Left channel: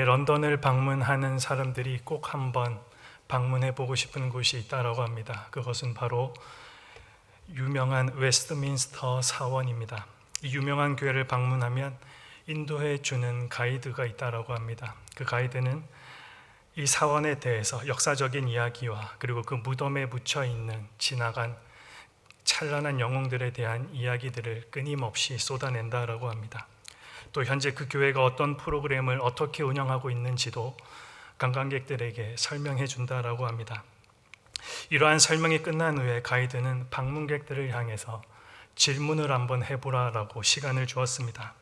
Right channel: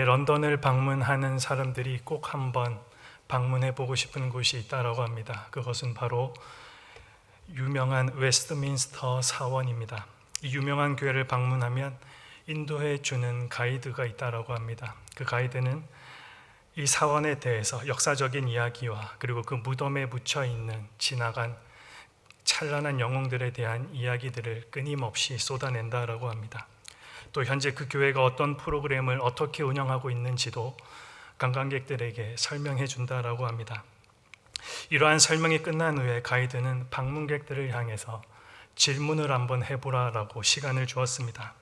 런던을 방문하는 사람들이 꼭 한번 방문해 보고 싶은 곳이 있다라고 합니다. 그것은 바로 유명한 웨스트민스터 사원입니다. 이 유명한 교회를 방문하면 인도해 주는 가이드가 있다라고 합니다. 그 가이드는 이 사원에 대해서 역사적인 이야기와 그리고 그 무덤에 묻혀 있는 지나간 찬란한 영웅들에 대한 이야기들을 끊임없이 쏟아낸다라고 합니다. 또 현재 그 교회가 어떤 프로그램을 어떻게 운영하고 있는지도 관광객들에게 설명해 준다라고 합니다. 이러한 설명이 끝난 후에 가이드는 방문객들을 향해서 질문을 한번 해보라라고 시간을 주었습니다.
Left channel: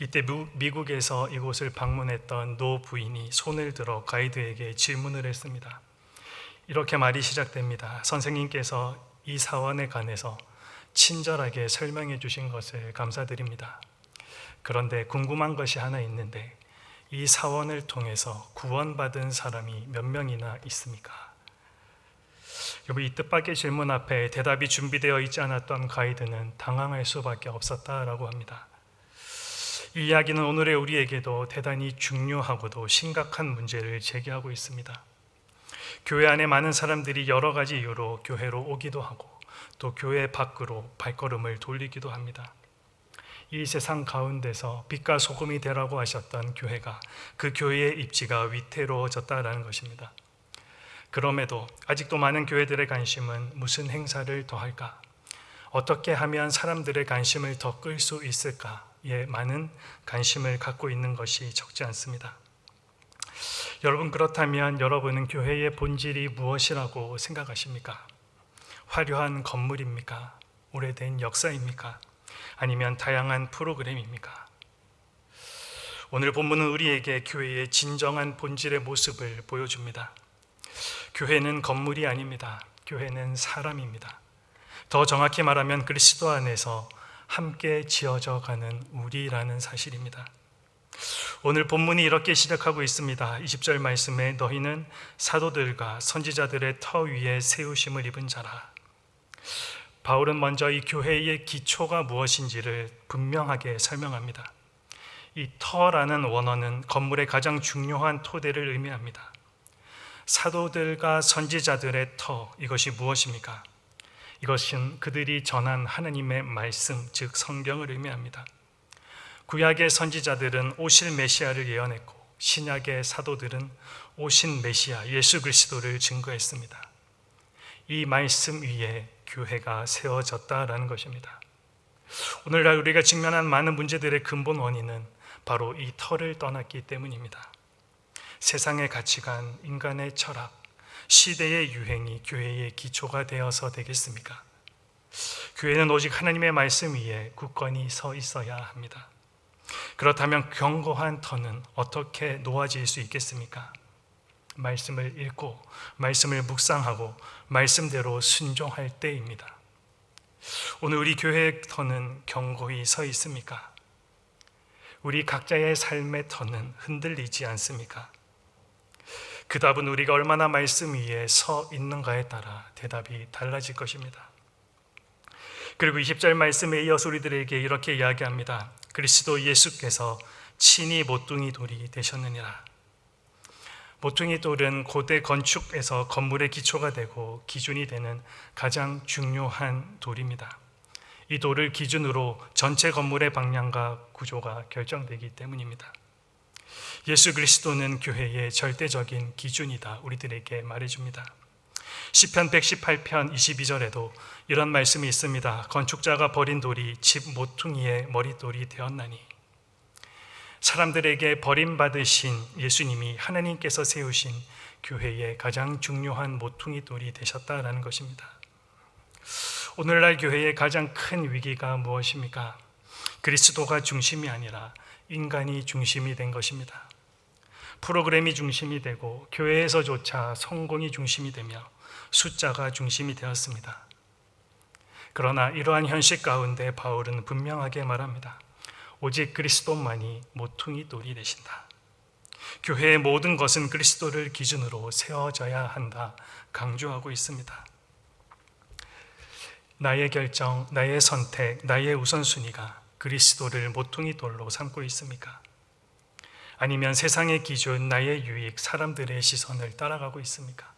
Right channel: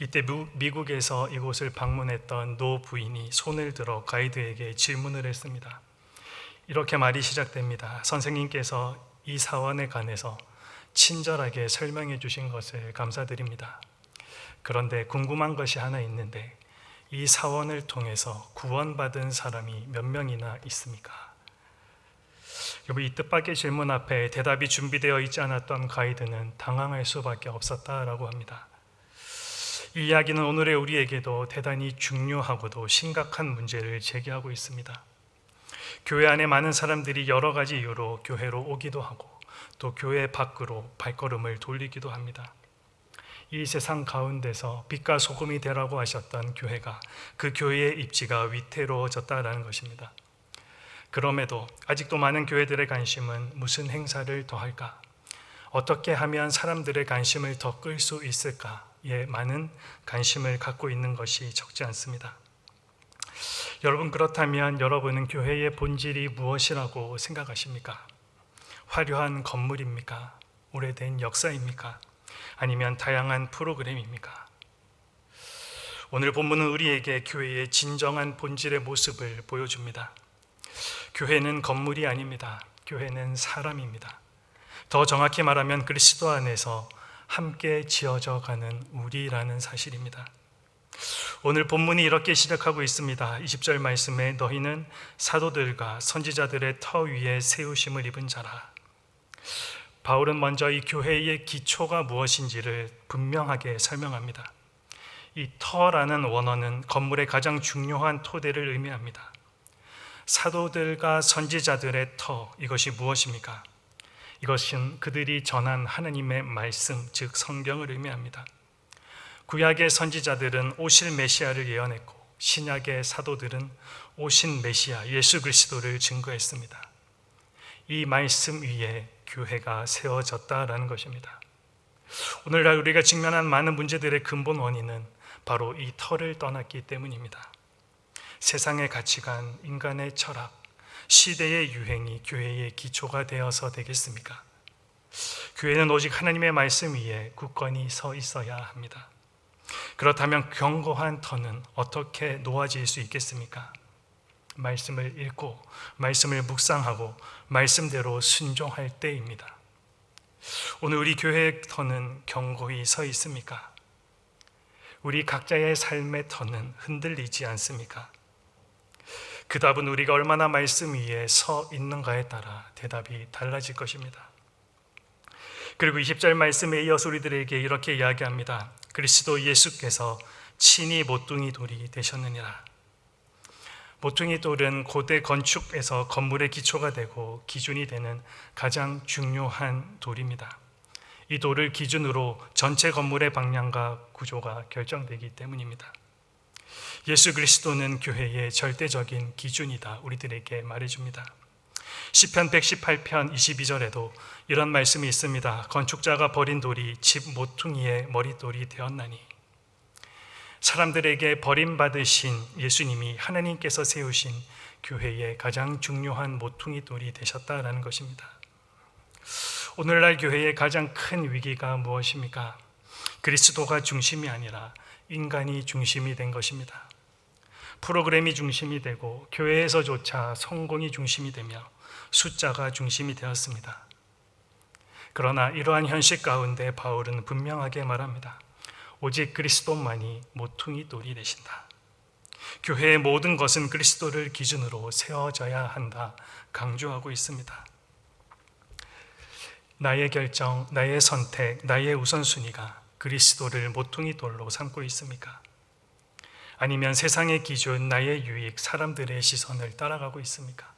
이때 미국에서 이곳을 방문했던 노 부인이 손을 들어 가이드에게 질문을 했습니다. 이렇게 말이 시작됩니다. 선생님께서 이 사원에 관해서 친절하게 설명해 주신 것을 감사드립니다. 그런데 궁금한 것이 하나 있는데 이 사원을 통해서 구원받은 사람이 몇 명이나 있습니까? 여러분 이 뜻밖의 질문 앞에 대답이 준비되어 있지 않았던 가이드는 당황할 수밖에 없었다라고 합니다. 이 이야기는 오늘의 우리에게도 대단히 중요하고도 심각한 문제를 제기하고 있습니다. 교회 안에 많은 사람들이 여러 가지 이유로 교회로 오기도 하고 또 교회 밖으로 발걸음을 돌리기도 합니다. 이 세상 가운데서 빛과 소금이 되라고 하셨던 교회가 그 교회의 입지가 위태로워졌다라는 것입니다. 그럼에도 아직도 많은 교회들의 관심은 무슨 행사를 더 할까? 어떻게 하면 사람들의 관심을 더 끌 수 있을까에 많은 관심을 갖고 있는 것이 적지 않습니다. 여러분 그렇다면 여러분은 교회의 본질이 무엇이라고 생각하십니까? 화려한 건물입니까? 오래된 역사입니까? 아니면 다양한 프로그램입니까? 오늘 본문은 우리에게 교회의 진정한 본질의 모습을 보여줍니다. 교회는 건물이 아닙니다. 교회는 사람입니다. 더 정확히 말하면 그리스도 안에서 함께 지어져 가는 우리라는 사실입니다. 오늘 본문이 이렇게 시작하고 있습니다. 20절 말씀에 너희는 사도들과 선지자들의 터 위에 세우심을 입은 자라. 바울은 먼저 이 교회의 기초가 무엇인지를 분명하게 설명합니다. 이 터라는 원어는 건물의 가장 중요한 토대를 의미합니다. 사도들과 선지자들의 터, 이것이 무엇입니까? 이것은 그들이 전한 하나님의 말씀, 즉 성경을 의미합니다. 구약의 선지자들은 오실 메시아를 예언했고 신약의 사도들은 오신 메시아 예수 그리스도를 증거했습니다. 이 말씀 위에 교회가 세워졌다라는 것입니다. 오늘날 우리가 직면한 많은 문제들의 근본 원인은 바로 이 터를 떠났기 때문입니다. 세상의 가치관, 인간의 철학, 시대의 유행이 교회의 기초가 되어서 되겠습니까? 교회는 오직 하나님의 말씀 위에 굳건히 서 있어야 합니다. 그렇다면 견고한 터는 어떻게 놓아질 수 있겠습니까? 말씀을 읽고 말씀을 묵상하고 말씀대로 순종할 때입니다. 오늘 우리 교회의 터는 견고히 서 있습니까? 우리 각자의 삶의 터는 흔들리지 않습니까? 그 답은 우리가 얼마나 말씀 위에 서 있는가에 따라 대답이 달라질 것입니다. 그리고 20절 말씀에 이어서 우리들에게 이렇게 이야기합니다. 그리스도 예수께서 친히 모퉁이 돌이 되셨느니라. 모퉁이 돌은 고대 건축에서 건물의 기초가 되고 기준이 되는 가장 중요한 돌입니다. 이 돌을 기준으로 전체 건물의 방향과 구조가 결정되기 때문입니다. 예수 그리스도는 교회의 절대적인 기준이다. 우리들에게 말해줍니다. 시편 118편 22절에도 이런 말씀이 있습니다. 건축자가 버린 돌이 집 모퉁이의 머릿돌이 되었나니 사람들에게 버림받으신 예수님이 하나님께서 세우신 교회의 가장 중요한 모퉁이 돌이 되셨다라는 것입니다. 오늘날 교회의 가장 큰 위기가 무엇입니까? 그리스도가 중심이 아니라 인간이 중심이 된 것입니다. 프로그램이 중심이 되고 교회에서조차 성공이 중심이 되며 숫자가 중심이 되었습니다. 그러나 이러한 현실 가운데 바울은 분명하게 말합니다. 오직 그리스도만이 모퉁이 돌이 되신다. 교회의 모든 것은 그리스도를 기준으로 세워져야 한다. 강조하고 있습니다. 나의 결정, 나의 선택, 나의 우선순위가 그리스도를 모퉁이 돌로 삼고 있습니까? 아니면 세상의 기준, 나의 유익, 사람들의 시선을 따라가고 있습니까?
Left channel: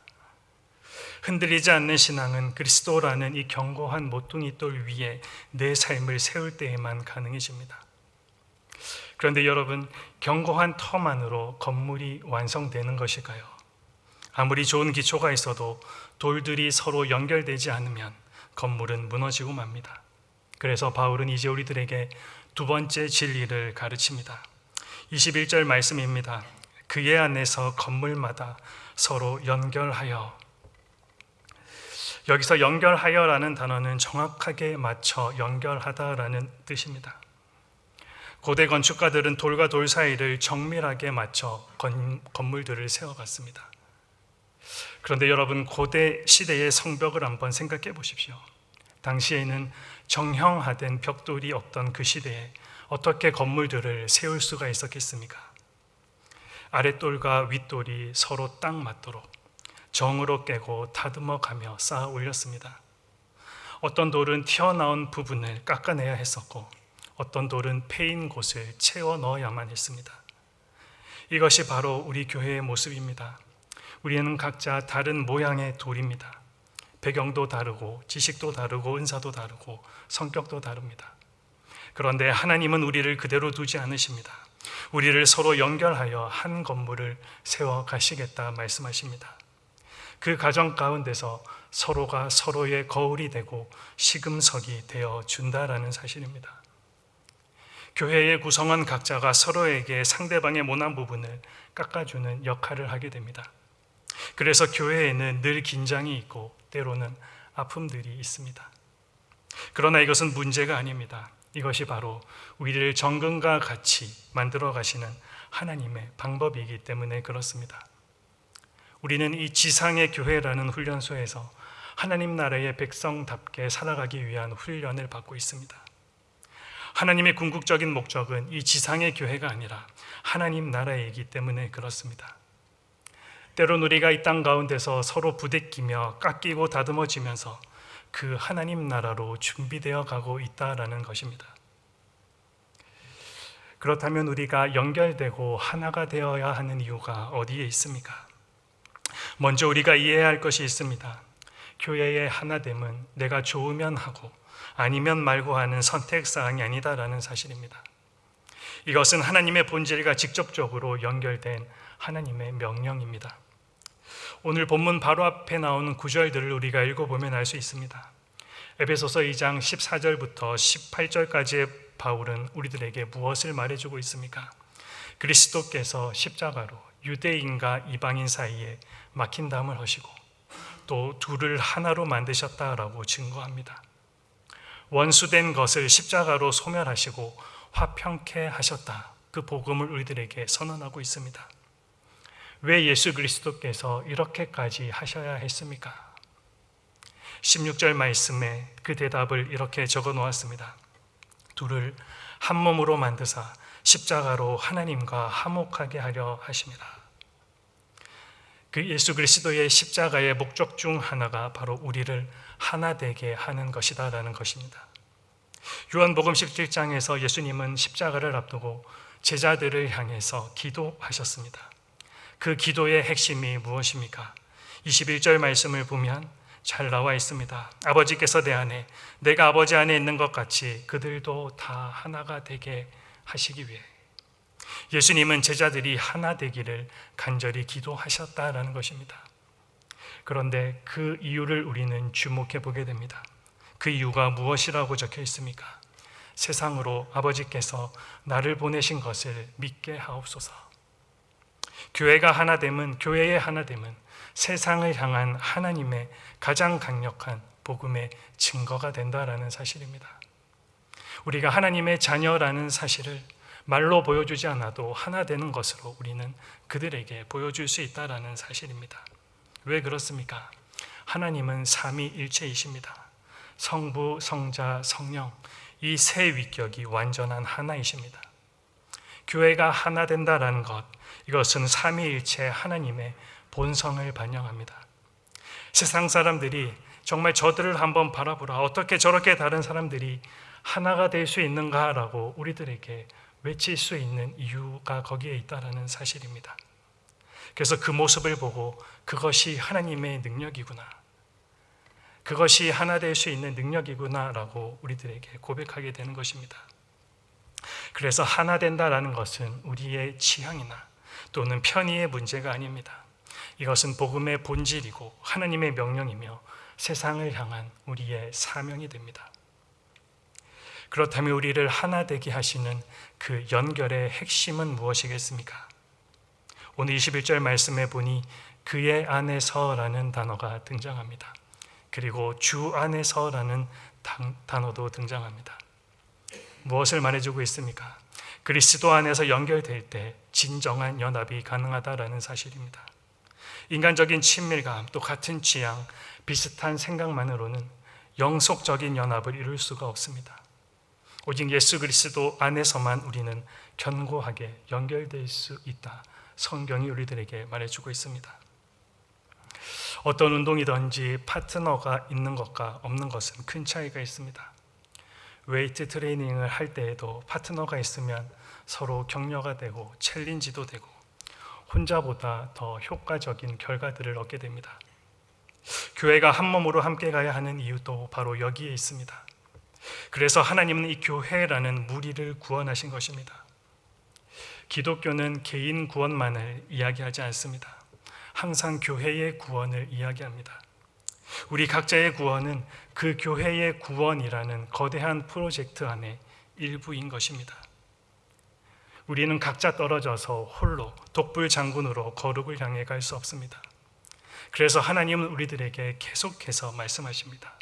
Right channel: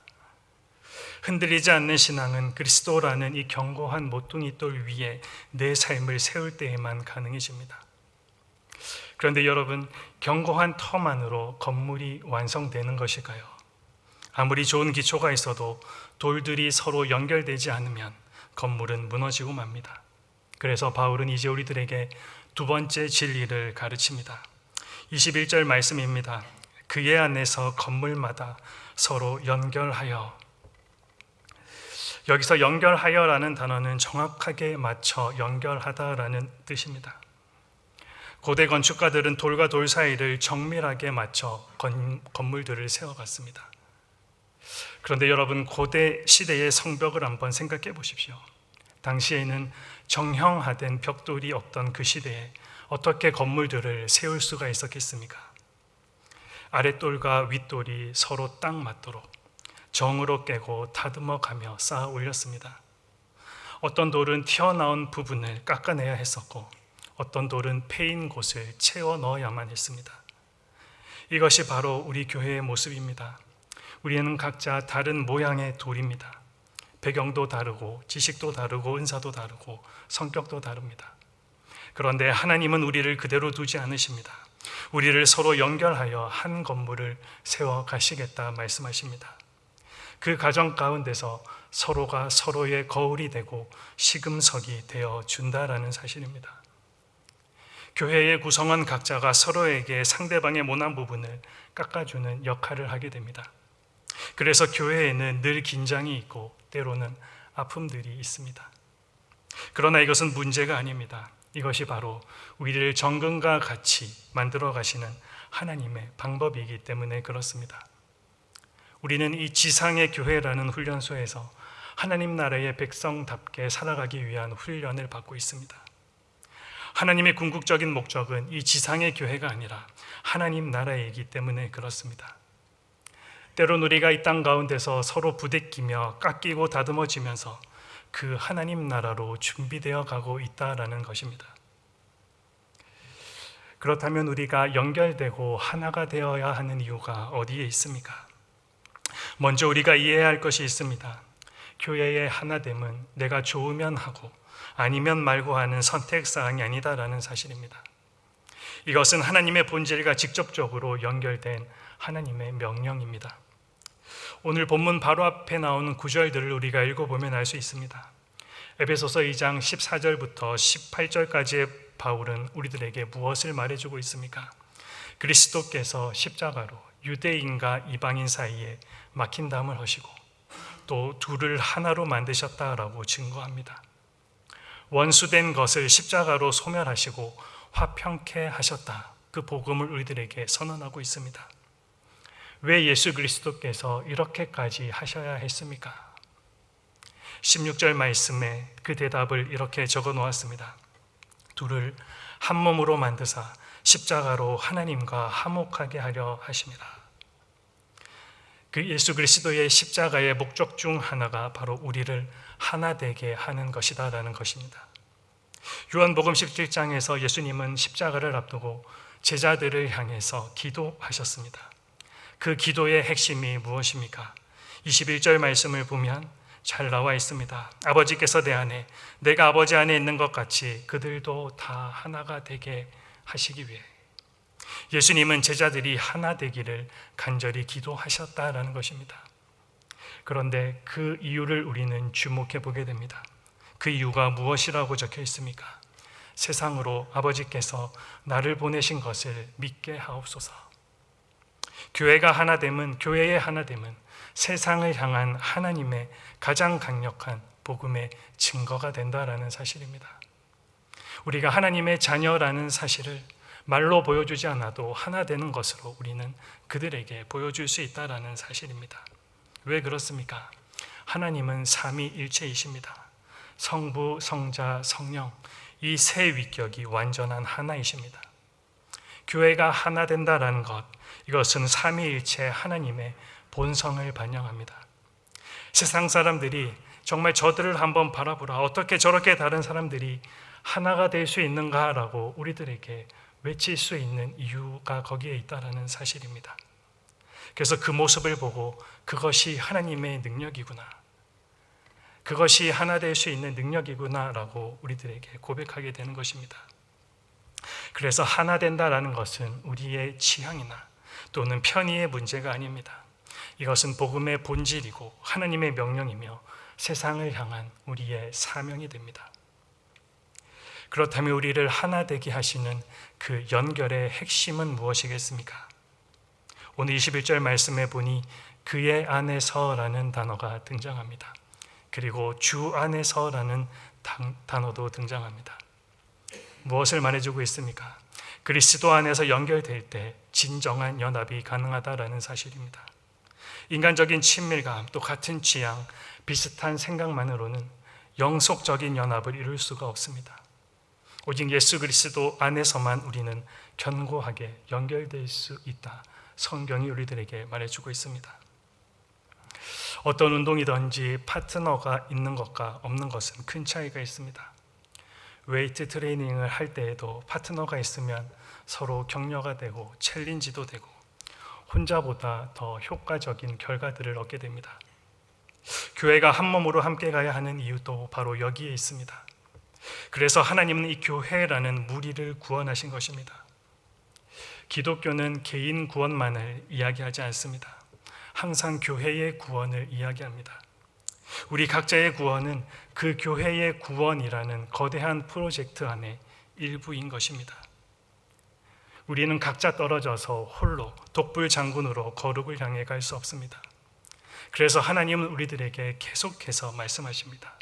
흔들리지 않는 신앙은 그리스도라는 이 견고한 모퉁이 돌 위에 내 삶을 세울 때에만 가능해집니다. 그런데 여러분, 견고한 터만으로 건물이 완성되는 것일까요? 아무리 좋은 기초가 있어도 돌들이 서로 연결되지 않으면 건물은 무너지고 맙니다. 그래서 바울은 이제 우리들에게 두 번째 진리를 가르칩니다. 21절 말씀입니다. 그의 안에서 건물마다 서로 연결하여 여기서 연결하여라는 단어는 정확하게 맞춰 연결하다라는 뜻입니다. 고대 건축가들은 돌과 돌 사이를 정밀하게 맞춰 건, 건물들을 세워갔습니다. 그런데 여러분 고대 시대의 성벽을 한번 생각해 보십시오. 당시에는 정형화된 벽돌이 없던 그 시대에 어떻게 건물들을 세울 수가 있었겠습니까? 아랫돌과 윗돌이 서로 딱 맞도록 정으로 깨고 다듬어 가며 쌓아 올렸습니다. 어떤 돌은 튀어나온 부분을 깎아내야 했었고 어떤 돌은 패인 곳을 채워 넣어야만 했습니다. 이것이 바로 우리 교회의 모습입니다. 우리는 각자 다른 모양의 돌입니다. 배경도 다르고 지식도 다르고 은사도 다르고 성격도 다릅니다. 그런데 하나님은 우리를 그대로 두지 않으십니다. 우리를 서로 연결하여 한 건물을 세워 가시겠다 말씀하십니다. 그 가정 가운데서 서로가 서로의 거울이 되고 시금석이 되어 준다라는 사실입니다. 교회의 구성원 각자가 서로에게 상대방의 모난 부분을 깎아주는 역할을 하게 됩니다. 그래서 교회에는 늘 긴장이 있고 때로는 아픔들이 있습니다. 그러나 이것은 문제가 아닙니다. 이것이 바로 우리를 정금과 같이 만들어 가시는 하나님의 방법이기 때문에 그렇습니다. 우리는 이 지상의 교회라는 훈련소에서 하나님 나라의 백성답게 살아가기 위한 훈련을 받고 있습니다. 하나님의 궁극적인 목적은 이 지상의 교회가 아니라 하나님 나라이기 때문에 그렇습니다. 때론 우리가 이 땅 가운데서 서로 부대끼며 깎이고 다듬어지면서 그 하나님 나라로 준비되어 가고 있다라는 것입니다. 그렇다면 우리가 연결되고 하나가 되어야 하는 이유가 어디에 있습니까? 먼저 우리가 이해해야 할 것이 있습니다. 교회의 하나됨은 내가 좋으면 하고 아니면 말고 하는 선택 사항이 아니다라는 사실입니다. 이것은 하나님의 본질과 직접적으로 연결된 하나님의 명령입니다. 오늘 본문 바로 앞에 나오는 구절들을 우리가 읽어보면 알 수 있습니다. 에베소서 2장 14절부터 18절까지의 바울은 우리들에게 무엇을 말해주고 있습니까? 그리스도께서 십자가로 유대인과 이방인 사이에 막힌 담을 하시고 또 둘을 하나로 만드셨다라고 증거합니다. 원수된 것을 십자가로 소멸하시고 화평케 하셨다. 그 복음을 우리들에게 선언하고 있습니다. 왜 예수 그리스도께서 이렇게까지 하셔야 했습니까? 16절 말씀에 그 대답을 이렇게 적어 놓았습니다. 둘을 한 몸으로 만드사 십자가로 하나님과 화목하게 하려 하심이라. 그 예수 그리스도의 십자가의 목적 중 하나가 바로 우리를 하나 되게 하는 것이다라는 것입니다. 요한복음 17장에서 예수님은 십자가를 앞두고 제자들을 향해서 기도하셨습니다. 그 기도의 핵심이 무엇입니까? 21절 말씀을 보면 잘 나와 있습니다. 아버지께서 내 안에, 내가 아버지 안에 있는 것 같이 그들도 다 하나가 되게 하시기 위해. 예수님은 제자들이 하나 되기를 간절히 기도하셨다라는 것입니다. 그런데 그 이유를 우리는 주목해 보게 됩니다. 그 이유가 무엇이라고 적혀 있습니까? 세상으로 아버지께서 나를 보내신 것을 믿게 하옵소서. 교회가 하나됨은 교회의 하나됨은 세상을 향한 하나님의 가장 강력한 복음의 증거가 된다라는 사실입니다. 우리가 하나님의 자녀라는 사실을 말로 보여주지 않아도 하나 되는 것으로 우리는 그들에게 보여줄 수 있다라는 사실입니다. 왜 그렇습니까? 하나님은 삼위일체이십니다. 성부, 성자, 성령 이 세 위격이 완전한 하나이십니다. 교회가 하나 된다라는 것 이것은 삼위일체 하나님의 본성을 반영합니다. 세상 사람들이 정말 저들을 한번 바라보라. 어떻게 저렇게 다른 사람들이 하나가 될 수 있는가라고 우리들에게 외칠 수 있는 이유가 거기에 있다라는 사실입니다. 그래서 그 모습을 보고 그것이 하나님의 능력이구나. 그것이 하나 될 수 있는 능력이구나라고 우리들에게 고백하게 되는 것입니다. 그래서 하나 된다라는 것은 우리의 취향이나 또는 편의의 문제가 아닙니다. 이것은 복음의 본질이고 하나님의 명령이며 세상을 향한 우리의 사명이 됩니다. 그렇다면 우리를 하나 되게 하시는 그 연결의 핵심은 무엇이겠습니까? 오늘 21절 말씀에 보니 그의 안에서라는 단어가 등장합니다. 그리고 주 안에서라는 단어도 등장합니다. 무엇을 말해주고 있습니까? 그리스도 안에서 연결될 때 진정한 연합이 가능하다라는 사실입니다. 인간적인 친밀감, 또 같은 취향, 비슷한 생각만으로는 영속적인 연합을 이룰 수가 없습니다. 오직 예수 그리스도 안에서만 우리는 견고하게 연결될 수 있다. 성경이 우리들에게 말해주고 있습니다. 어떤 운동이든지 파트너가 있는 것과 없는 것은 큰 차이가 있습니다. 웨이트 트레이닝을 할 때에도 파트너가 있으면 서로 격려가 되고 챌린지도 되고 혼자보다 더 효과적인 결과들을 얻게 됩니다. 교회가 한 몸으로 함께 가야 하는 이유도 바로 여기에 있습니다. 그래서 하나님은 이 교회라는 무리를 구원하신 것입니다. 기독교는 개인 구원만을 이야기하지 않습니다. 항상 교회의 구원을 이야기합니다. 우리 각자의 구원은 그 교회의 구원이라는 거대한 프로젝트 안에 일부인 것입니다. 우리는 각자 떨어져서 홀로 독불 장군으로 거룩을 향해 갈 수 없습니다. 그래서 하나님은 우리들에게 계속해서 말씀하십니다.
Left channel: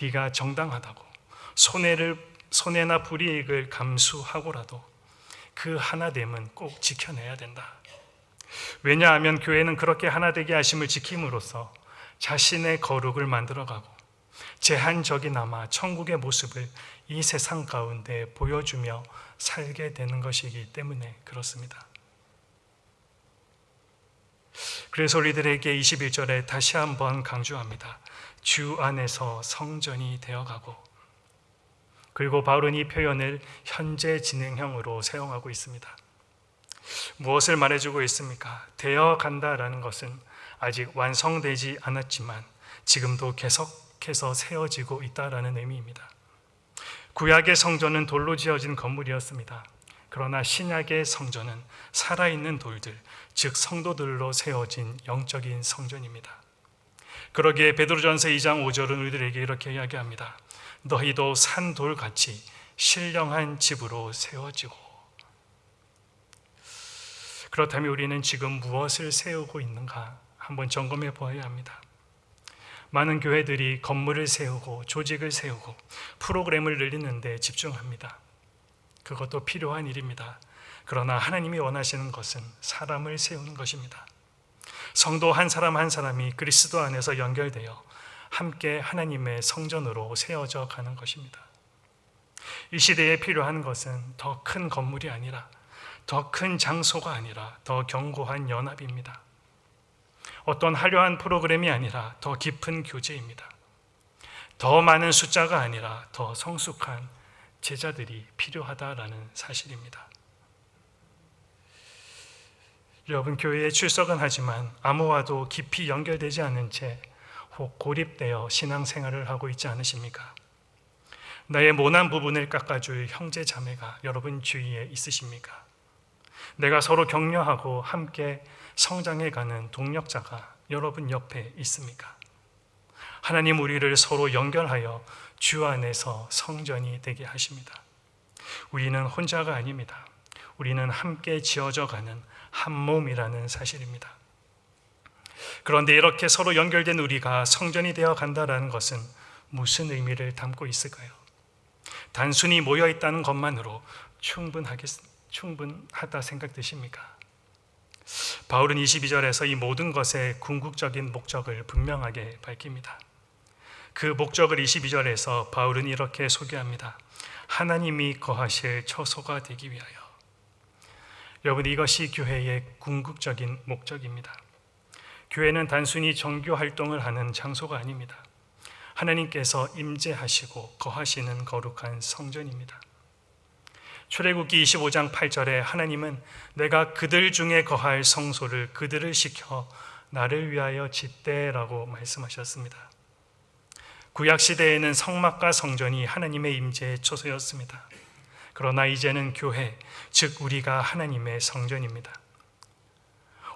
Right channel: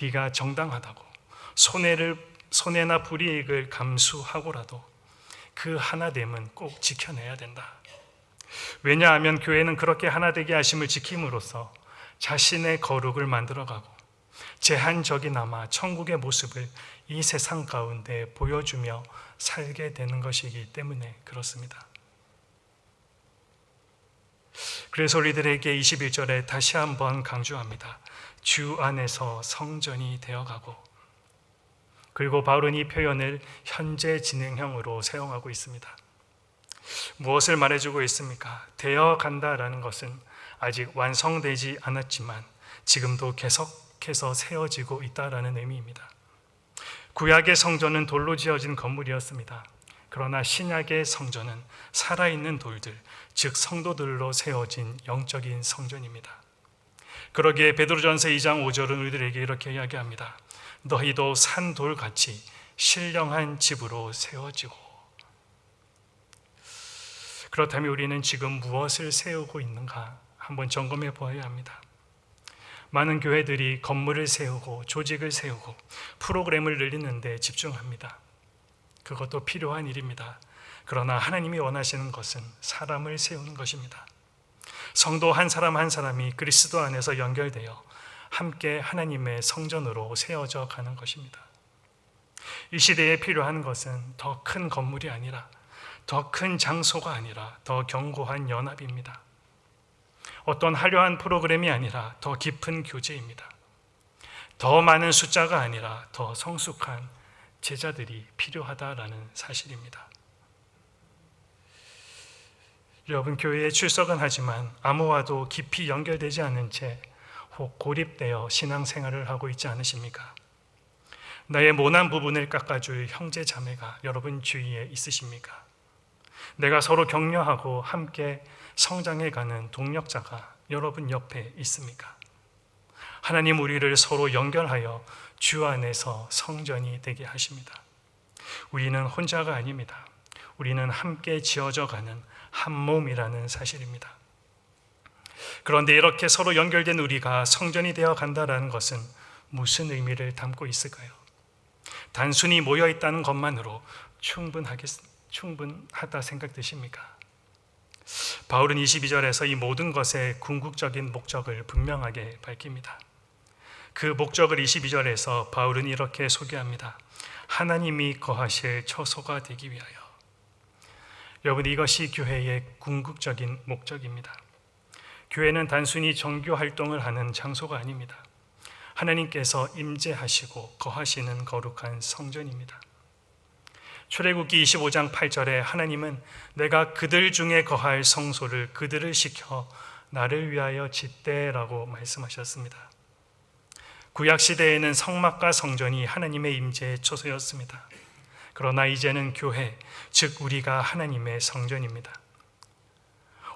네가 정당하다고 손해를 손해나 불이익을 감수하고라도 그 하나됨은 꼭 지켜내야 된다. 왜냐하면 교회는 그렇게 하나되게 하심을 지킴으로써 자신의 거룩을 만들어가고 제한적이나마 천국의 모습을 이 세상 가운데 보여주며 살게 되는 것이기 때문에 그렇습니다. 그래서 우리들에게 21절에 다시 한번 강조합니다. 주 안에서 성전이 되어가고 그리고 바울은 이 표현을 현재 진행형으로 사용하고 있습니다. 무엇을 말해주고 있습니까? 되어 간다라는 것은 아직 완성되지 않았지만 지금도 계속해서 세워지고 있다라는 의미입니다. 구약의 성전은 돌로 지어진 건물이었습니다. 그러나 신약의 성전은 살아있는 돌들, 즉 성도들로 세워진 영적인 성전입니다. 그러기에 베드로전서 2장 5절은 우리들에게 이렇게 이야기합니다. 너희도 산돌같이 신령한 집으로 세워지고 그렇다면 우리는 지금 무엇을 세우고 있는가 한번 점검해 보아야 합니다. 많은 교회들이 건물을 세우고 조직을 세우고 프로그램을 늘리는데 집중합니다. 그것도 필요한 일입니다. 그러나 하나님이 원하시는 것은 사람을 세우는 것입니다. 성도 한 사람 한 사람이 그리스도 안에서 연결되어 함께 하나님의 성전으로 세워져 가는 것입니다. 이 시대에 필요한 것은 더 큰 건물이 아니라 더 큰 장소가 아니라 더 견고한 연합입니다. 어떤 화려한 프로그램이 아니라 더 깊은 교제입니다. 더 많은 숫자가 아니라 더 성숙한 제자들이 필요하다라는 사실입니다. 여러분 교회에 출석은 하지만 아무와도 깊이 연결되지 않은 채혹 고립되어 신앙생활을 하고 있지 않으십니까? 나의 모난 부분을 깎아줄 형제 자매가 여러분 주위에 있으십니까? 내가 서로 격려하고 함께 성장해가는 동력자가 여러분 옆에 있습니까? 하나님 우리를 서로 연결하여 주 안에서 성전이 되게 하십니다. 우리는 혼자가 아닙니다. 우리는 함께 지어져 가는 한 몸이라는 사실입니다. 그런데 이렇게 서로 연결된 우리가 성전이 되어 간다라는 것은 무슨 의미를 담고 있을까요? 단순히 모여 있다는 것만으로 충분하겠, 충분하다 생각되십니까? 바울은 22절에서 이 모든 것의 궁극적인 목적을 분명하게 밝힙니다. 그 목적을 22절에서 바울은 이렇게 소개합니다. 하나님이 거하실 처소가 되기 위하여. 여러분, 이것이 교회의 궁극적인 목적입니다. 교회는 단순히 정교 활동을 하는 장소가 아닙니다. 하나님께서 임재하시고 거하시는 거룩한 성전입니다. 출애굽기 25장 8절에 하나님은 내가 그들 중에 거할 성소를 그들을 시켜 나를 위하여 짓대라고 말씀하셨습니다. 구약 시대에는 성막과 성전이 하나님의 임재의 초소였습니다. 그러나 이제는 교회, 즉 우리가 하나님의 성전입니다.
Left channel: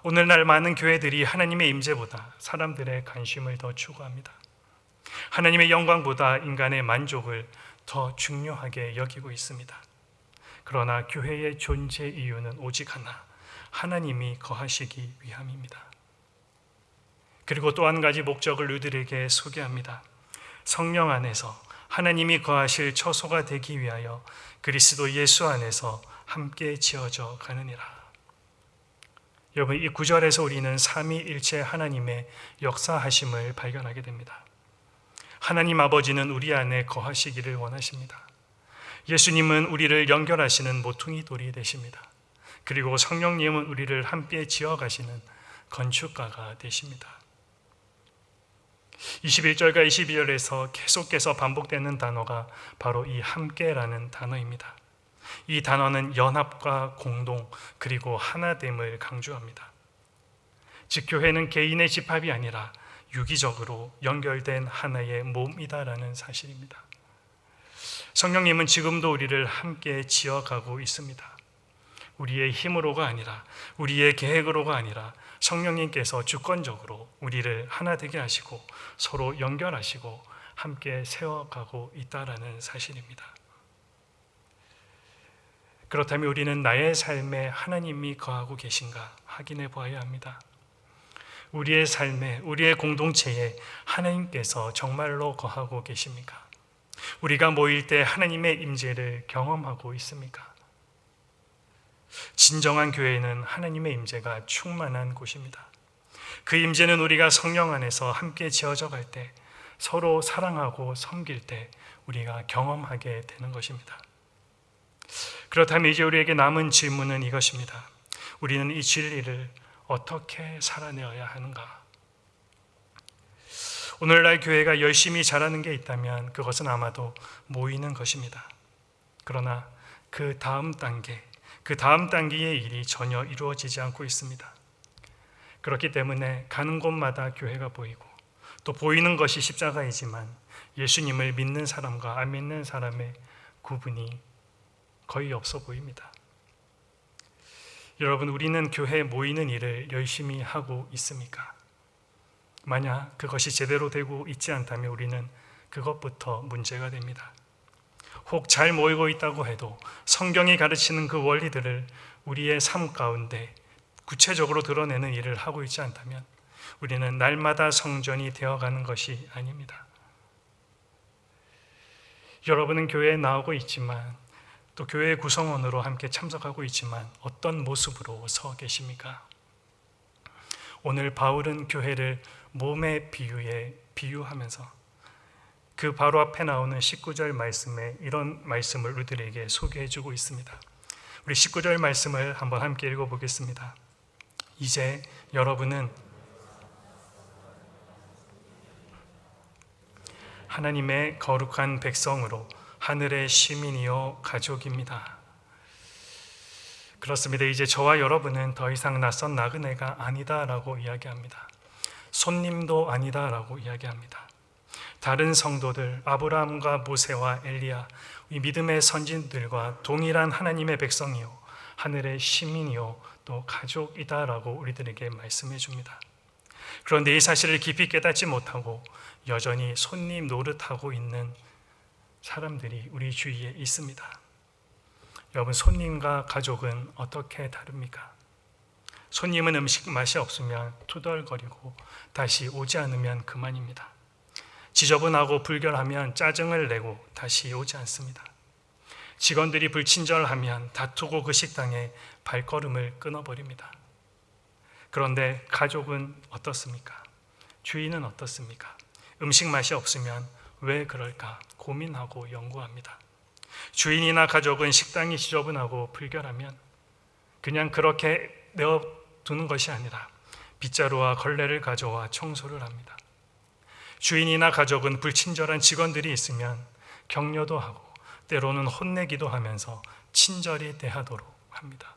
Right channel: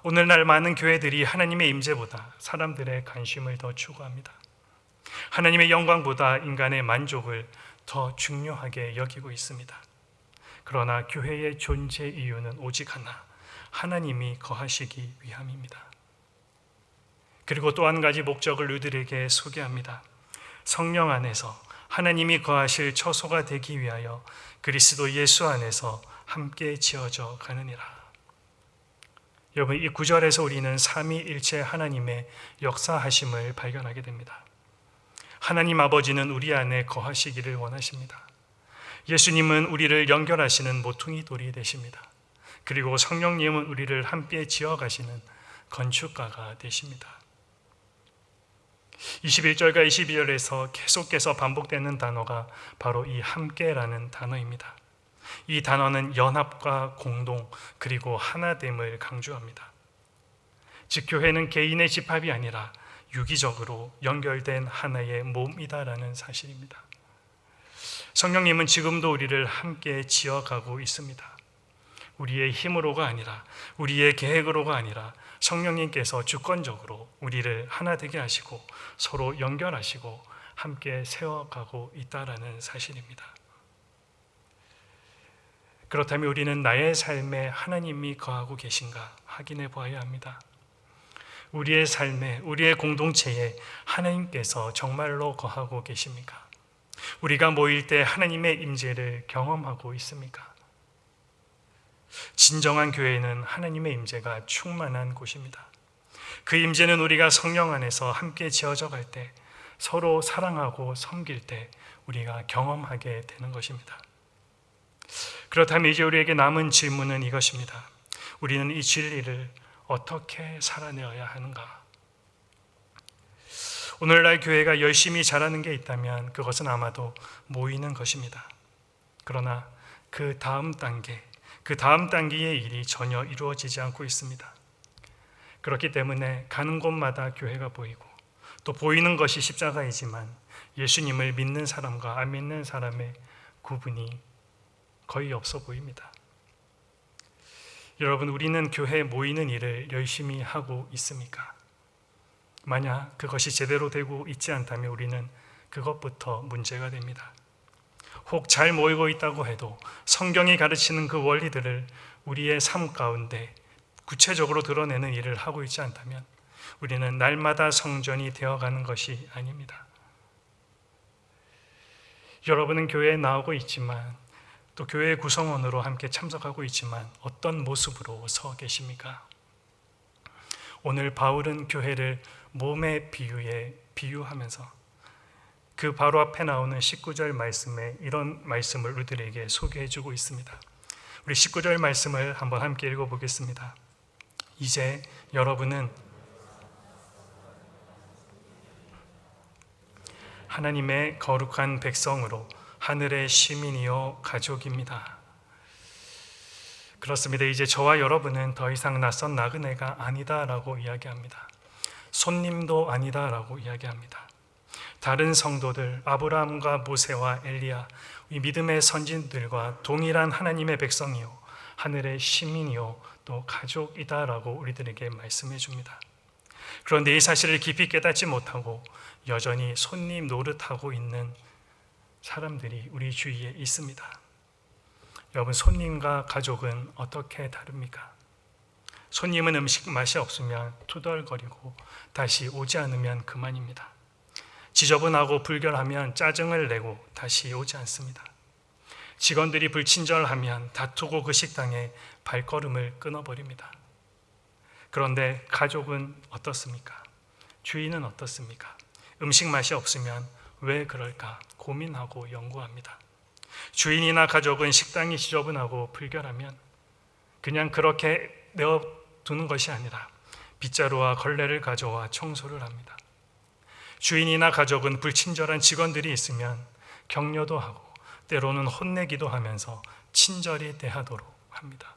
오늘날 많은 교회들이 하나님의 임재보다 사람들의 관심을 더 추구합니다. 하나님의 영광보다 인간의 만족을 더 중요하게 여기고 있습니다. 그러나 교회의 존재 이유는 오직 하나, 하나님이 거하시기 위함입니다. 그리고 또 한 가지 목적을 우리들에게 소개합니다. 성령 안에서 하나님이 거하실 처소가 되기 위하여 그리스도 예수 안에서 함께 지어져 가느니라. 여러분, 이 구절에서 우리는 삼위일체 하나님의 역사하심을 발견하게 됩니다. 하나님 아버지는 우리 안에 거하시기를 원하십니다. 예수님은 우리를 연결하시는 모퉁이 돌이 되십니다. 그리고 성령님은 우리를 함께 지어가시는 건축가가 되십니다. 21절과 22절에서 계속해서 반복되는 단어가 바로 이 함께라는 단어입니다. 이 단어는 연합과 공동 그리고 하나됨을 강조합니다. 즉 교회는 개인의 집합이 아니라 유기적으로 연결된 하나의 몸이다라는 사실입니다. 성령님은 지금도 우리를 함께 지어가고 있습니다. 우리의 힘으로가 아니라 우리의 계획으로가 아니라 성령님께서 주권적으로 우리를 하나 되게 하시고 서로 연결하시고 함께 세워가고 있다라는 사실입니다. 그렇다면 우리는 나의 삶에 하나님이 거하고 계신가 확인해 보아야 합니다. 우리의 삶에, 우리의 공동체에 하나님께서 정말로 거하고 계십니까? 우리가 모일 때 하나님의 임재를 경험하고 있습니까? 진정한 교회는 하나님의 임재가 충만한 곳입니다. 그 임재는 우리가 성령 안에서 함께 지어져 갈 때 서로 사랑하고 섬길 때 우리가 경험하게 되는 것입니다. 그렇다면 이제 우리에게 남은 질문은 이것입니다. 우리는 이 진리를 어떻게 살아내어야 하는가? 오늘날 교회가 열심히 잘하는 게 있다면 그것은 아마도 모이는 것입니다. 그러나 그 다음 단계, 그 다음 단계의 일이 전혀 이루어지지 않고 있습니다. 그렇기 때문에 가는 곳마다 교회가 보이고 또 보이는 것이 십자가이지만 예수님을 믿는 사람과 안 믿는 사람의 구분이 거의 없어 보입니다. 여러분, 우리는 교회에 모이는 일을 열심히 하고 있습니까? 만약 그것이 제대로 되고 있지 않다면 우리는 그것부터 문제가 됩니다. 혹 잘 모이고 있다고 해도 성경이 가르치는 그 원리들을 우리의 삶 가운데 구체적으로 드러내는 일을 하고 있지 않다면 우리는 날마다 성전이 되어가는 것이 아닙니다. 여러분은 교회에 나오고 있지만 또 교회 구성원으로 함께 참석하고 있지만 어떤 모습으로 서 계십니까? 오늘 바울은 교회를 몸의 비유에 비유하면서 그 바로 앞에 나오는 19절 말씀에 이런 말씀을 우리들에게 소개해 주고 있습니다. 우리 19절 말씀을 한번 함께 읽어 보겠습니다. 이제 여러분은 하나님의 거룩한 백성으로 하늘의 시민이요 가족입니다. 그렇습니다. 이제 저와 여러분은 더 이상 낯선 나그네가 아니다라고 이야기합니다. 손님도 아니다라고 이야기합니다. 다른 성도들 아브라함과 모세와 엘리야 이 믿음의 선진들과 동일한 하나님의 백성이요 하늘의 시민이요 또 가족이다라고 우리들에게 말씀해 줍니다. 그런데 이 사실을 깊이 깨닫지 못하고 여전히 손님 노릇하고 있는 사람들이 우리 주위에 있습니다. 여러분, 손님과 가족은 어떻게 다릅니까? 손님은 음식 맛이 없으면 투덜거리고 다시 오지 않으면 그만입니다. 지저분하고 불결하면 짜증을 내고 다시 오지 않습니다. 직원들이 불친절하면 다투고 그 식당에 발걸음을 끊어버립니다. 그런데 가족은 어떻습니까? 주인은 어떻습니까? 음식 맛이 없으면 왜 그럴까 고민하고 연구합니다. 주인이나 가족은 식당이 지저분하고 불결하면 그냥 그렇게 내어두는 것이 아니라 빗자루와 걸레를 가져와 청소를 합니다. 주인이나 가족은 불친절한 직원들이 있으면 격려도 하고 때로는 혼내기도 하면서 친절히 대하도록 합니다.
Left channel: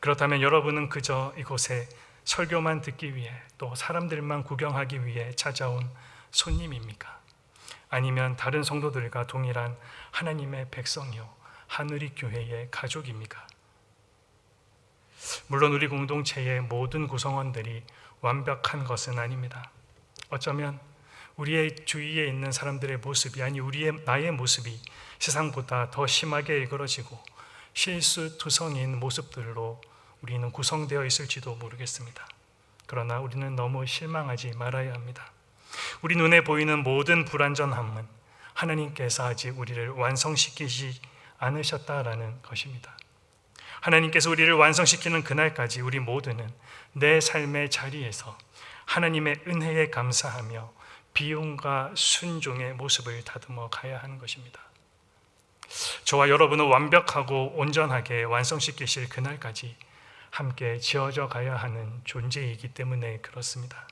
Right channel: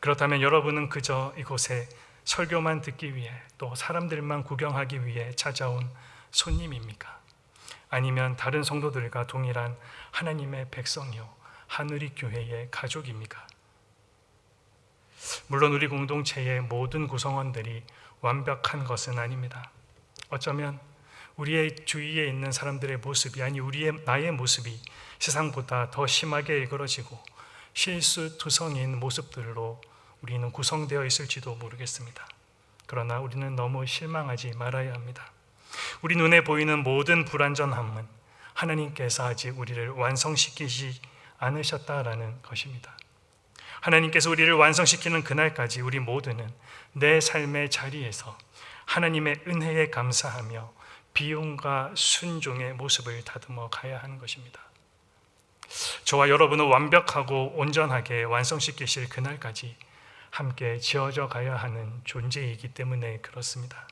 그렇다면 여러분은 그저 이곳에 설교만 듣기 위해 또 사람들만 구경하기 위해 찾아온 손님입니까? 아니면 다른 성도들과 동일한 하나님의 백성이요 하늘이 교회의 가족입니까? 물론 우리 공동체의 모든 구성원들이 완벽한 것은 아닙니다. 어쩌면 우리의 주위에 있는 사람들의 모습이 아니 우리의 나의 모습이 세상보다 더 심하게 일그러지고 실수투성인 모습들로 우리는 구성되어 있을지도 모르겠습니다. 그러나 우리는 너무 실망하지 말아야 합니다. 우리 눈에 보이는 모든 불완전함은 하나님께서 아직 우리를 완성시키지 않으셨다라는 것입니다. 하나님께서 우리를 완성시키는 그날까지 우리 모두는 내 삶의 자리에서 하나님의 은혜에 감사하며 비용과 순종의 모습을 다듬어 가야 하는 것입니다. 저와 여러분을 완벽하고 온전하게 완성시키실 그날까지 함께 지어져 가야 하는 존재이기 때문에 그렇습니다.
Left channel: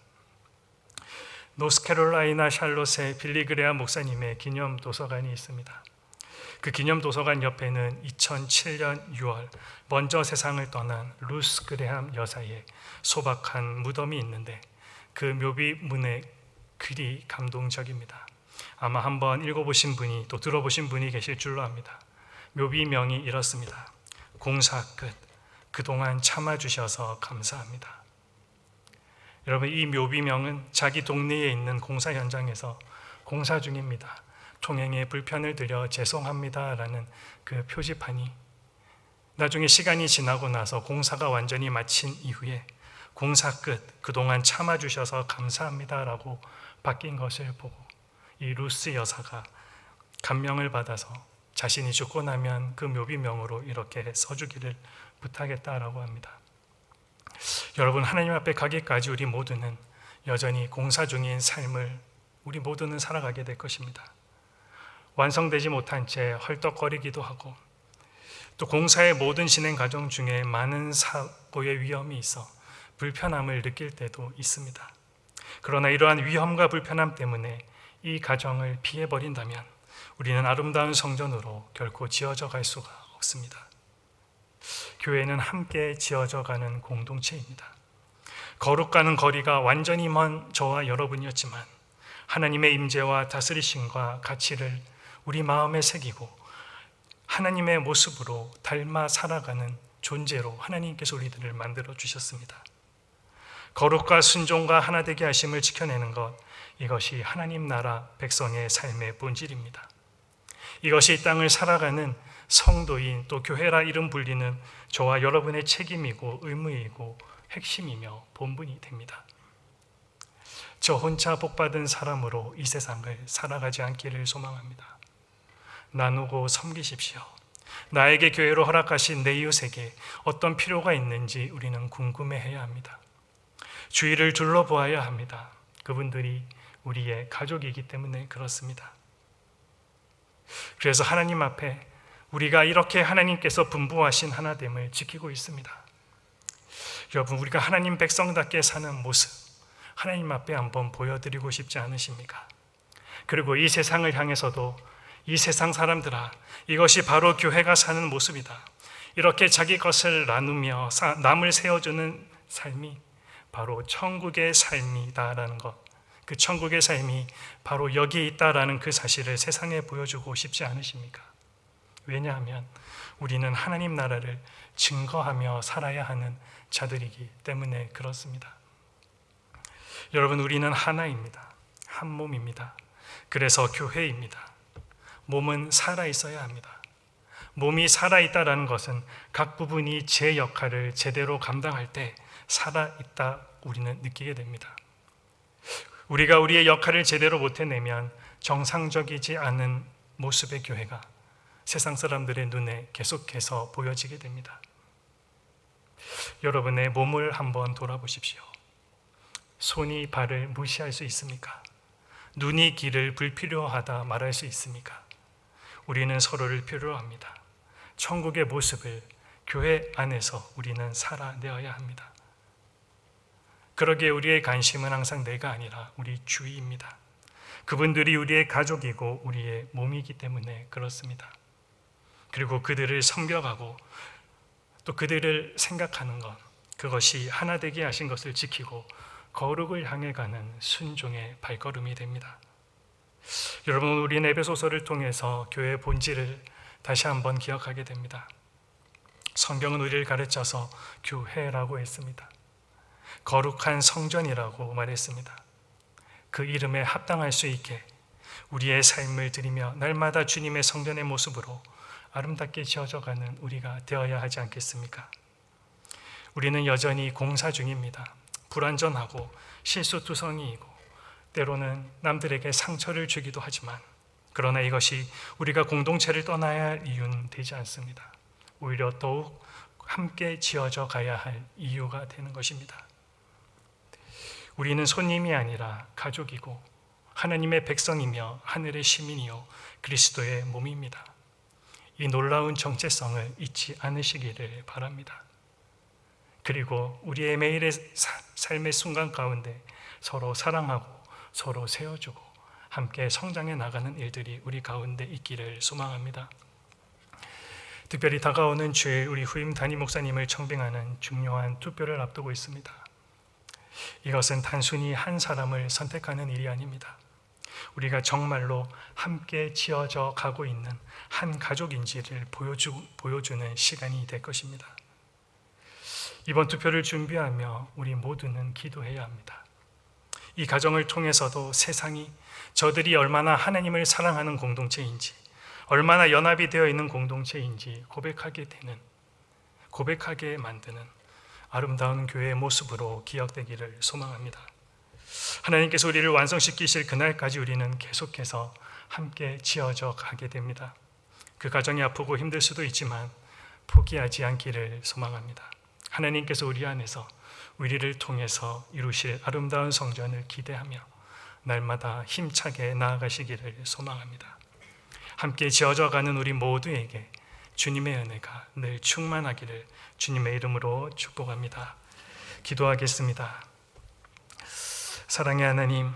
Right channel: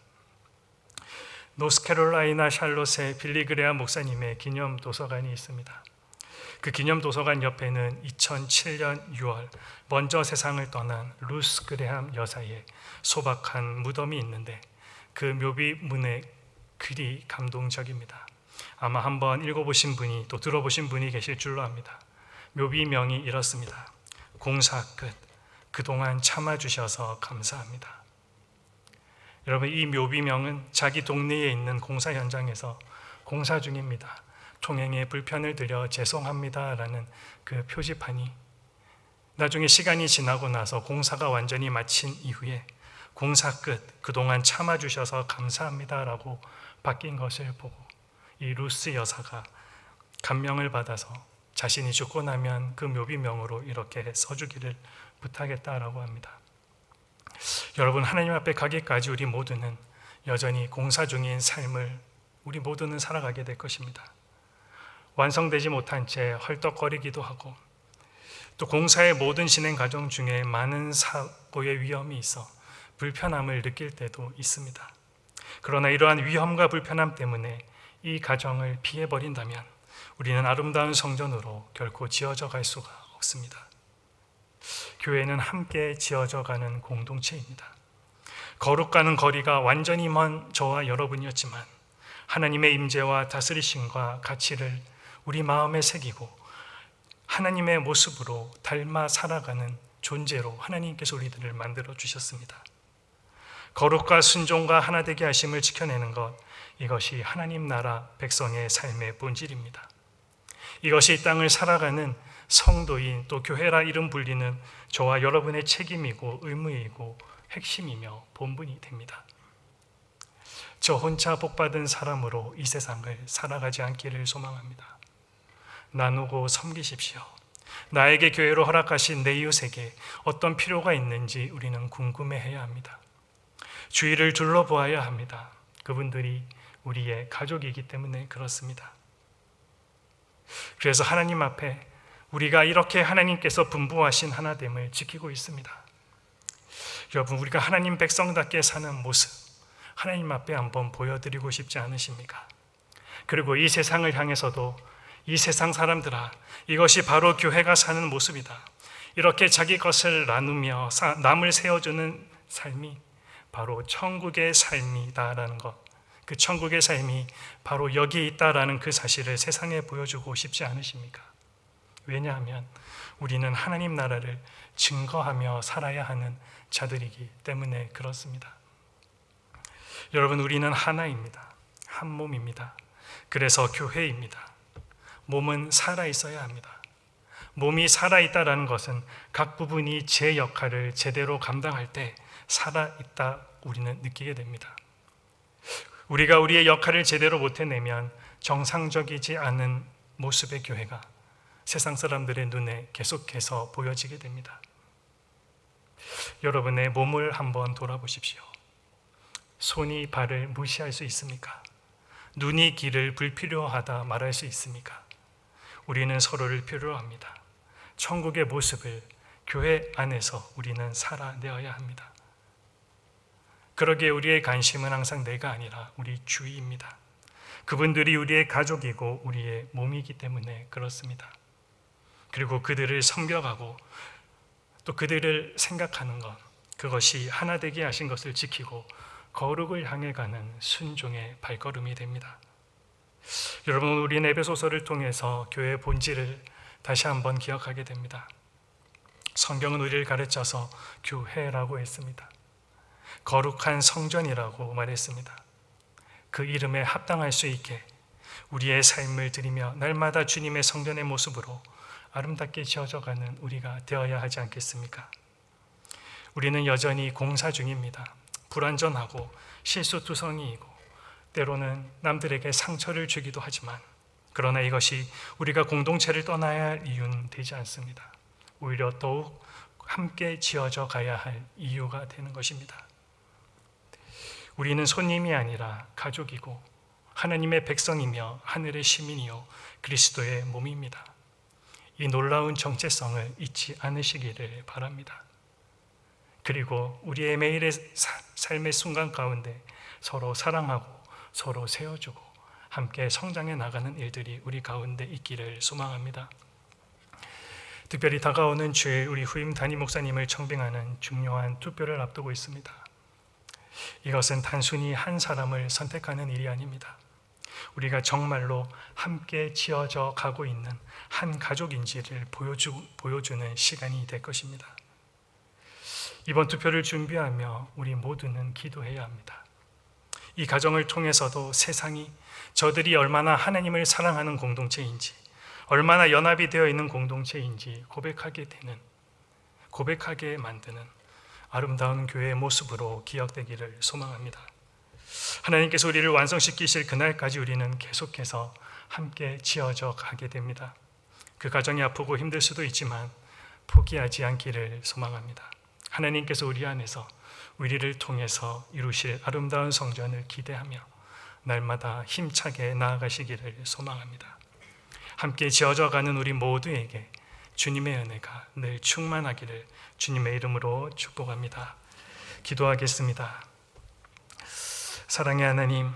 노스캐롤라이나 샬롯의 빌리그레아 목사님의 기념 도서관이 있습니다. 그 기념 도서관 옆에는 2007년 6월 먼저 세상을 떠난 루스 그레함 여사의 소박한 무덤이 있는데 그 묘비 문의 글이 감동적입니다. 아마 한번 읽어보신 분이 또 들어보신 분이 계실 줄로 압니다. 묘비명이 이렇습니다. 공사 끝. 그동안 참아주셔서 감사합니다. 여러분, 이 묘비명은 자기 동네에 있는 공사 현장에서 공사 중입니다. 통행에 불편을 드려 죄송합니다. 라는 그 표지판이 나중에 시간이 지나고 나서 공사가 완전히 마친 이후에 공사 끝, 그동안 참아 주셔서 감사합니다. 라고 바뀐 것을 보고 이 루스 여사가 감명을 받아서 자신이 죽고 나면 그 묘비명으로 이렇게 써주기를 부탁했다라고 합니다. 여러분, 하나님 앞에 가기까지 우리 모두는 여전히 공사 중인 삶을 우리 모두는 살아가게 될 것입니다. 완성되지 못한 채 헐떡거리기도 하고 또 공사의 모든 진행 과정 중에 많은 사고의 위험이 있어 불편함을 느낄 때도 있습니다. 그러나 이러한 위험과 불편함 때문에 이 가정을 피해버린다면 우리는 아름다운 성전으로 결코 지어져 갈 수가 없습니다. 교회는 함께 지어져 가는 공동체입니다. 거룩가는 거리가 완전히 먼 저와 여러분이었지만 하나님의 임재와 다스리심과 가치를 우리 마음에 새기고 하나님의 모습으로 닮아 살아가는 존재로 하나님께서 우리들을 만들어 주셨습니다. 거룩과 순종과 하나 되게 하심을 지켜내는 것 이것이 하나님 나라 백성의 삶의 본질입니다. 이것이 이 땅을 살아가는 성도인 또 교회라 이름 불리는 저와 여러분의 책임이고 의무이고 핵심이며 본분이 됩니다. 저 혼자 복받은 사람으로 이 세상을 살아가지 않기를 소망합니다. 나누고 섬기십시오. 나에게 교회로 허락하신 내 이웃에게 어떤 필요가 있는지 우리는 궁금해해야 합니다. 주위를 둘러보아야 합니다. 그분들이 우리의 가족이기 때문에 그렇습니다. 그래서 하나님 앞에 우리가 이렇게 하나님께서 분부하신 하나됨을 지키고 있습니다. 여러분, 우리가 하나님 백성답게 사는 모습, 하나님 앞에 한번 보여드리고 싶지 않으십니까? 그리고 이 세상을 향해서도 이 세상 사람들아, 이것이 바로 교회가 사는 모습이다. 이렇게 자기 것을 나누며 남을 세워주는 삶이 바로 천국의 삶이다라는 것. 그 천국의 삶이 바로 여기 있다라는 그 사실을 세상에 보여주고 싶지 않으십니까? 왜냐하면 우리는 하나님 나라를 증거하며 살아야 하는 자들이기 때문에 그렇습니다. 여러분, 우리는 하나입니다. 한 몸입니다. 그래서 교회입니다. 몸은 살아 있어야 합니다. 몸이 살아 있다라는 것은 각 부분이 제 역할을 제대로 감당할 때 살아 있다 우리는 느끼게 됩니다. 우리가 우리의 역할을 제대로 못 해내면 정상적이지 않은 모습의 교회가 세상 사람들의 눈에 계속해서 보여지게 됩니다. 여러분의 몸을 한번 돌아보십시오. 손이 발을 무시할 수 있습니까? 눈이 길을 불필요하다 말할 수 있습니까? 우리는 서로를 필요로 합니다. 천국의 모습을 교회 안에서 우리는 살아내어야 합니다. 그러기에 우리의 관심은 항상 내가 아니라 우리 주위입니다. 그분들이 우리의 가족이고 우리의 몸이기 때문에 그렇습니다. 그리고 그들을 섬겨가고 또 그들을 생각하는 것 그것이 하나 되게 하신 것을 지키고 거룩을 향해 가는 순종의 발걸음이 됩니다. 여러분 우리 에베소서를 통해서 교회의 본질을 다시 한번 기억하게 됩니다. 성경은 우리를 가르쳐서 교회라고 했습니다. 거룩한 성전이라고 말했습니다. 그 이름에 합당할 수 있게 우리의 삶을 드리며 날마다 주님의 성전의 모습으로 아름답게 지어져가는 우리가 되어야 하지 않겠습니까? 우리는 여전히 공사 중입니다. 불완전하고 실수투성이이고 때로는 남들에게 상처를 주기도 하지만 그러나 이것이 우리가 공동체를 떠나야 할 이유는 되지 않습니다. 오히려 더욱 함께 지어져 가야 할 이유가 되는 것입니다. 우리는 손님이 아니라 가족이고 하나님의 백성이며 하늘의 시민이요 그리스도의 몸입니다. 이 놀라운 정체성을 잊지 않으시기를 바랍니다. 그리고 우리의 매일의 사- 삶의 순간 가운데 서로 사랑하고 서로 세워주고 함께 성장해 나가는 일들이 우리 가운데 있기를 소망합니다. 특별히 다가오는 주일 우리 후임 담임 목사님을 청빙하는 중요한 투표를 앞두고 있습니다. 이것은 단순히 한 사람을 선택하는 일이 아닙니다. 우리가 정말로 함께 지어져 가고 있는 한 가족인지를 보여주, 보여주는 시간이 될 것입니다. 이번 투표를 준비하며 우리 모두는 기도해야 합니다. 이 가정을 통해서도 세상이 저들이 얼마나 하나님을 사랑하는 공동체인지, 얼마나 연합이 되어 있는 공동체인지 고백하게 되는, 고백하게 만드는 아름다운 교회의 모습으로 기억되기를 소망합니다. 하나님께서 우리를 완성시키실 그날까지 우리는 계속해서 함께 지어져 가게 됩니다. 그 가정이 아프고 힘들 수도 있지만 포기하지 않기를 소망합니다. 하나님께서 우리 안에서 우리를 통해서 이루실 아름다운 성전을 기대하며 날마다 힘차게 나아가시기를 소망합니다. 함께 지어져 가는 우리 모두에게 주님의 은혜가 늘 충만하기를 주님의 이름으로 축복합니다. 기도하겠습니다. 사랑의 하나님,